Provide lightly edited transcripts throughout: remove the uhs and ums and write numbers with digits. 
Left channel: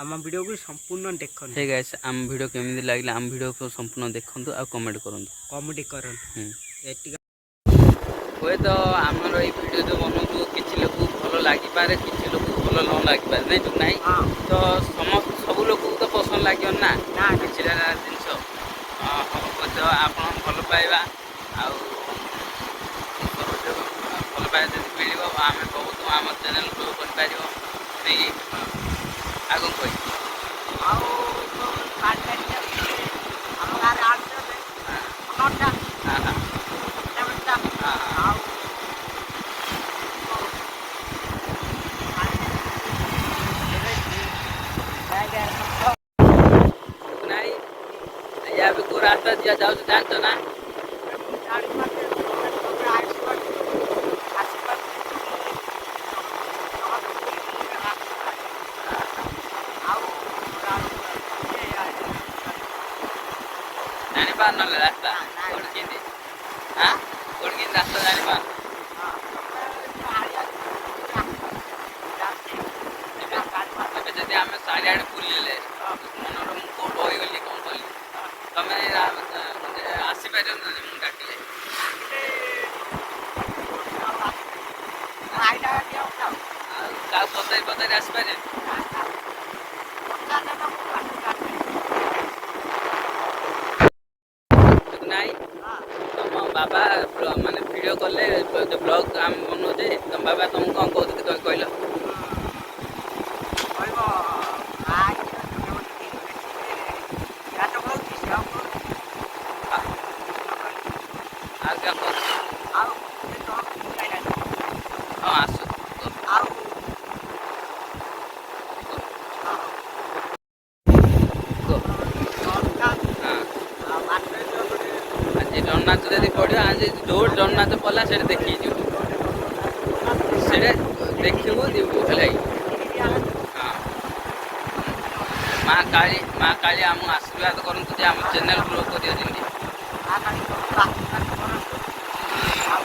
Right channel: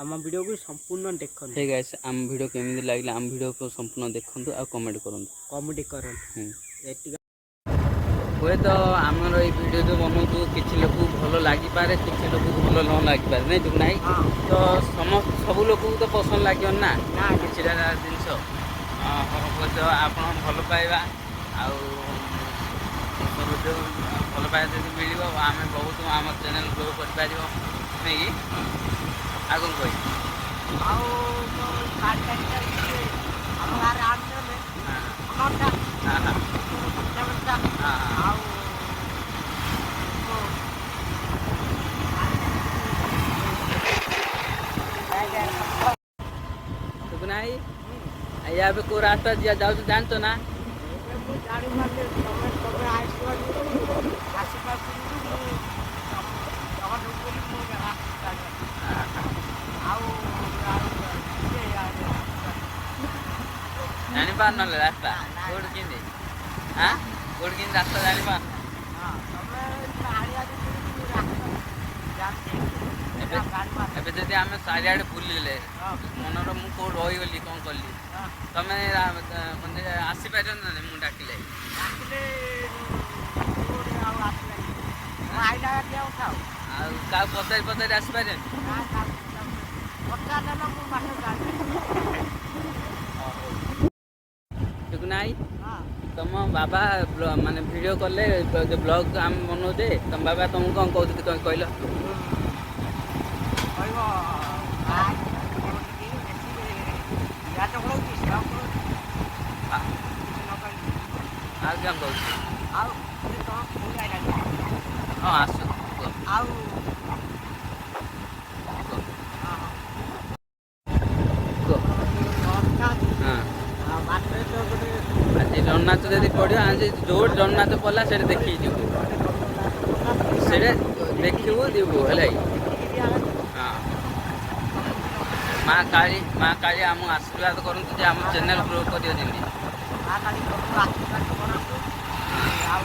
आम वीडियो को संपूर्ण देखो। हे गाइस आम वीडियो केमिति लागला आम वीडियो को संपूर्ण देखंतु आ कमेंट करंतु कॉमेडी करन हुए तो आमर ये वीडियो जो बनाऊँ किसी लोग भल लगिपारे किसी लोग भल न लगिपारे नहीं तो नहीं तो समस्त सब लोग तो पसंद लगे ना किसी जिनस तो आप भल पाइबा भल पाइबा जब मिल आम बहुत आम चैनल ग्रो कर आग कह या को रास्ता दिया जाऊ जानते ना जानी पार ना रास्ता रास्ता जानी पार जब आम चारिड़े बुले मनर मुझे कौट रहीगली कौन कली तमें आसपार मुझे डाकिले पचारि पचारि आसपारे नाई तुम बाबा माने वीडियो कले जो ब्लॉग आम बनाऊे तुम बाबा तुमको कौन कहते कहल आस जगन्नाथ जब पढ़ आज जो जगन्नाथ पड़ा से देखी से देखू जीवु है हाँ माँ काली आम आशीर्वाद करूँ आम चैनल ग्रो कर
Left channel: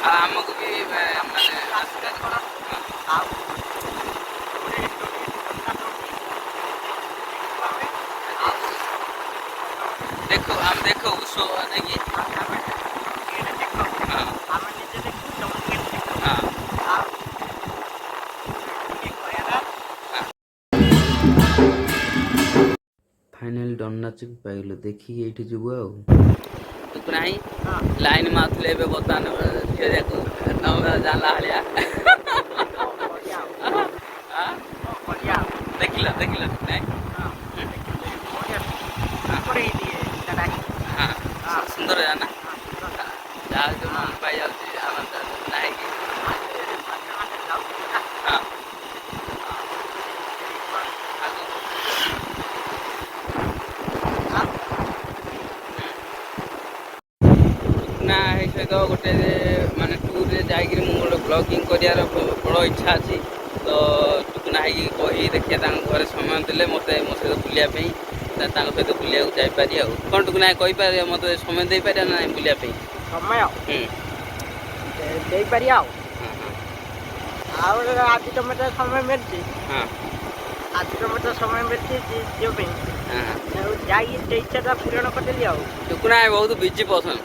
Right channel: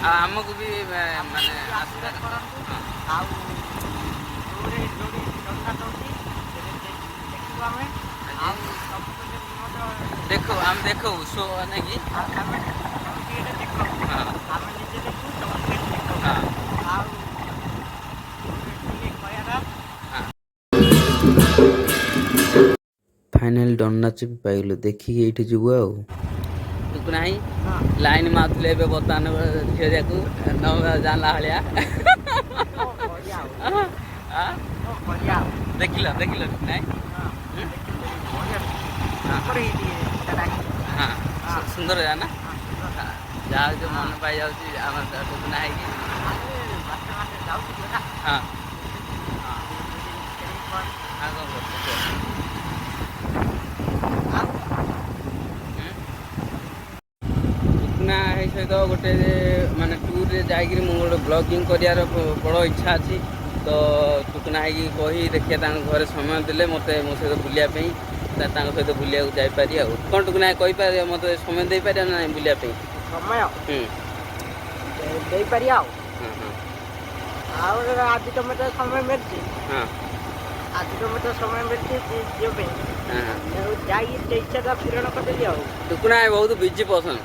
आमको भी माने देखो हम देखो सो नहीं फाइनल डन्नाच भी पाइलु देखिए ये जीव आना लाइन मारे बर्तमान खेल जाना भाया देखिल देखिल हाँ सुंदर है ना जहाँ जो मन पाई जाए हाँ ना सहित गोटे माने टूर रे जाकर गोटे ब्लॉगिंग करार बड़ इच्छा अच्छी तो टुकुना कही देखिए घर समय देले मत मो सहित बुलायापी सहित बुलिया जापरि कौन टुकुना कहीपर मत समय दे पारे ना बुलायापी समय दे पारि आज तो मत समय मिलती आज तो मत समय मिलती जाइए इच्छा पूरण करदेली टुकुना बहुत बिजी पसंद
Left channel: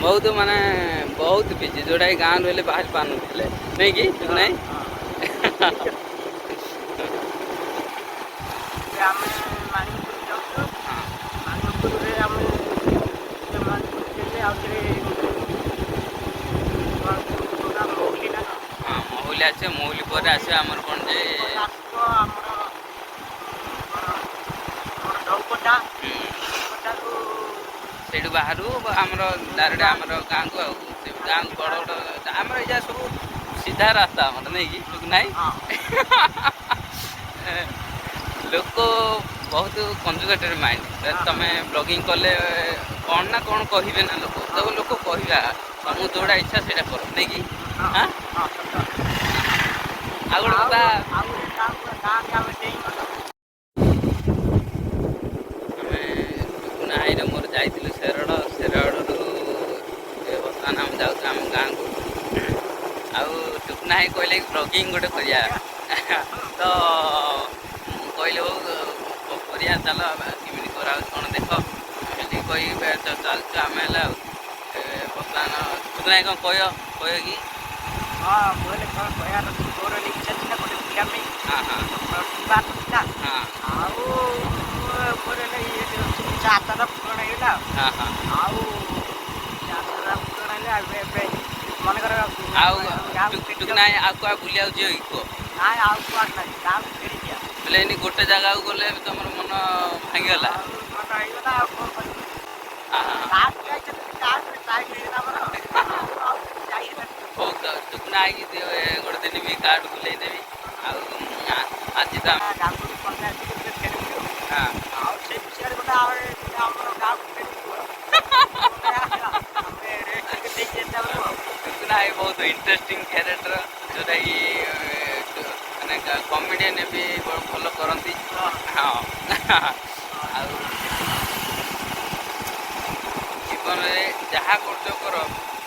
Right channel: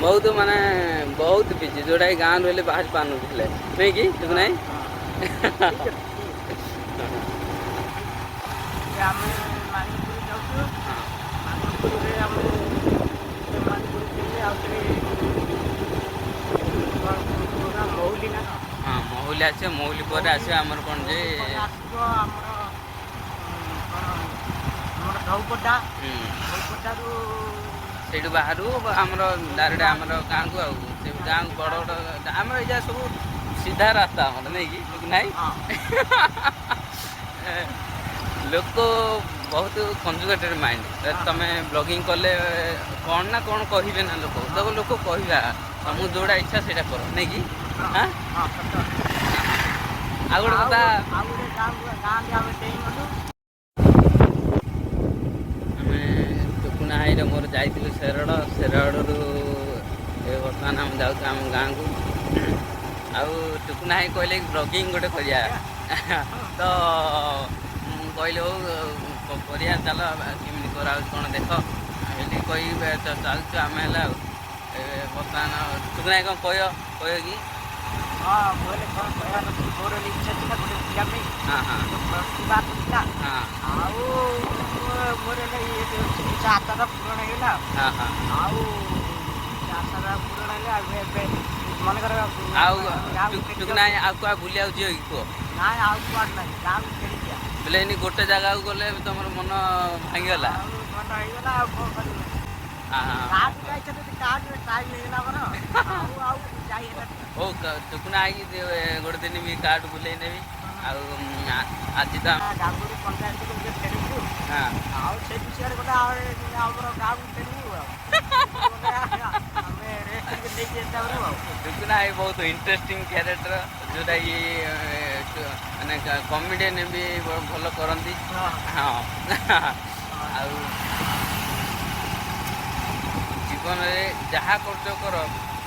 बहुत माने बहुत बिजी जोटा गाँव रही बाहर पान नहीं कि टुकुना हाँ महुली आसे महुली पर आसे आमर कौन जे से बाहर आमर डायरेक्ट आमर गाँव को गाँव बड़ बड़ आम ये सब सीधा रास्ता आम नहीं कि ना लोक बहुत कंजुगेटेड माइंड तुम ब्लॉगिंग कले कौन ना कौन कहे ना लोक तो लोक कहवा तुमको जोड़ा इच्छा से कर नहीं कि आ गोटे कथा नाई मोर जाइलु शेरड़ बर्तमान आम जाऊँ आम गाँव को आउ टुकुना कहले ब्लॉगिंग गोटे कर तो कहले କରିବା ଚାଲ କେମିତି କରାହେଉଛି କ'ଣ ଦେଖ ଏଠି କହିବେ ଚାଲିଛୁ ଆମେ ହେଲା ଆଉ ବର୍ତ୍ତମାନ ଟୁକୁନା ଭାଇ କ'ଣ କହିବ କି? ହଁ ମୁଁ ହେଲେ କ'ଣ କହିବାର ମୋର ଇଚ୍ଛା ଥିଲା ଗୋଟେ ପିଲା ପାଇଁ ପ୍ରତିଭା ଥିଲା ଆଉ ମୋର ହେଲେ ଇଚ୍ଛା ଆଶାଟା ପୂରଣ ହେଇଗଲା ଆଉ ଆଶାଟା ପୂରଣ ହେଲେ ଏବେ ମନେକର ଆଉ ଟୁକୁନା ଭାଇ ଆଉ କୁଆ ବୁଲିବାକୁ ଯିବ କି କୁହ? ନାଇଁ ଆଉ କୁଆଡ଼େ ନାହିଁ ଗାଁକୁ ଫେରିଯିବା। ହେଲେ ଏନି ଗୋଟେ ଜାଗାକୁ ଗଲେ ତମର ମନ ଭାଙ୍ଗିଗଲା ଆଉ ମନ ହେଇଗଲା ଆଉ କ'ଣ କରିବ ହଉ ଟୁକୁନା ହେଇକି ଗୋଟେ ଦିନ ବି କାର୍ଡ ବୁଲେଇ ଦେବି ଆଉ ଆଜି ତ ଗାଙ୍ଗୁଡ଼ି ପଞ୍ଚାୟତକୁ ଫେରିବୁ ଆଉ ସେ ବିଷୟରେ ଗୋଟେ ଆମର ଗାଁକୁ ଫେରିବୁ ଆମେ ରେଷ୍ଟ ଦେଇକି ଆସିବୁ ଆଉ ଟୁକୁନା ଭାଇ ବହୁତ ଇଣ୍ଟରେଷ୍ଟିଂ କ୍ୟାରେକ୍ଟର ଯେଉଁଟାକି ମାନେ କମେଡ଼ିଆନ ବି ଭଲ କରନ୍ତି। ହଁ ଆଉ ଜୀବନରେ ଯାହା କରୁଛ କର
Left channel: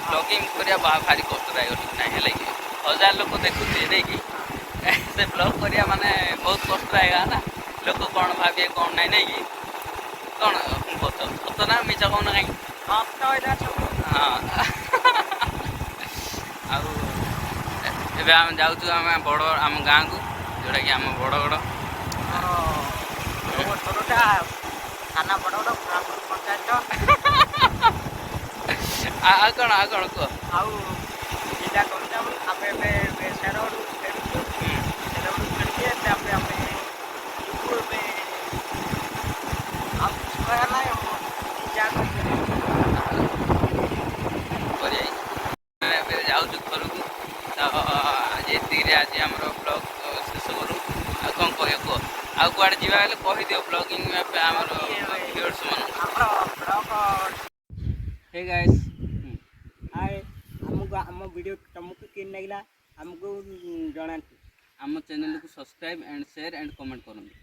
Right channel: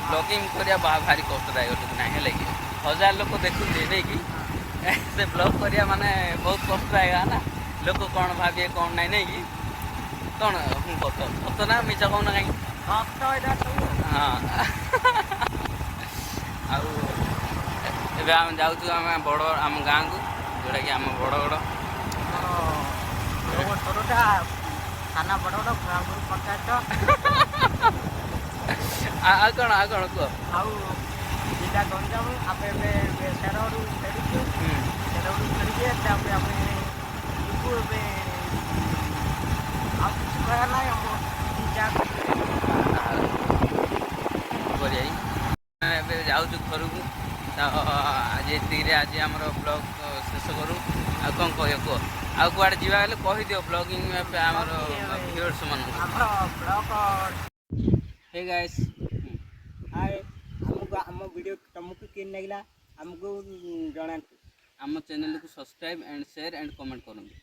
ବ୍ଲଗିଂ କରିବା ଭାରି କଷ୍ଟଦାୟକ ଟୁକୁନା ହେଲା କି 1000 ଲୋକ ଦେଖୁଥିବେ ନାଇକି ସେ ବ୍ଲଗ୍ କରିବା ମାନେ ବହୁତ କଷ୍ଟଦାୟକ ନା ଲୋକ କ'ଣ ଭାବିବେ କ'ଣ ନାହିଁ ନାଇକି କ'ଣ ସତ ନା ମିଛ କହୁନ କାହିଁକି? ହଁ ଆଉ ଏବେ ଆମେ ଯାଉଛୁ ଆମ ଗାଁକୁ ଯେଉଁଟାକି ଆମ ବଡ଼ଗଡ଼ ଥାନା ବଡ଼ଗଡ଼ ବ୍ରାହ୍ମଣ ପଞ୍ଚାୟତ ଆଉ କ'ଣ କୁହ? ଆଉ ଜିଲ୍ଲା ଗଞ୍ଜାମ ଆମେ ଏବେ ସେରରୁ ଫେରୁଛୁ ସେରରୁ ଫେରିକି ତାପରେ ଆମେ ଯିବୁ ଏବେ ଆଉ କିଛି କହିବା ନାହିଁ ଏବେ ଯାଉଛୁ ଘରକୁ ତ ଆଜି ଏତିକିରେ ଆଜି ଆମର ବ୍ଲଗ୍ ଶେଷ କରୁ ଆଉ କ'ଣ କହିବ କୁହ? ଆଉ କୁଆଡ଼େ ଯିବା ହେଲେ କହିଦିଅ ବ୍ଲଗିଂ ଆମର ଭିଉଅର୍ସମାନଙ୍କୁ। ହେ ଗାଇସ୍ ହାଏ ଆମକୁ ଆମ ଭିଡ଼ିଓ ତୁମକୁ କେମିତି ଲାଗିଲା ଆମକୁ ଜଣାନ୍ତୁ। ଆମ ଚ୍ୟାନେଲକୁ subscribe and share and comment କରନ୍ତୁ।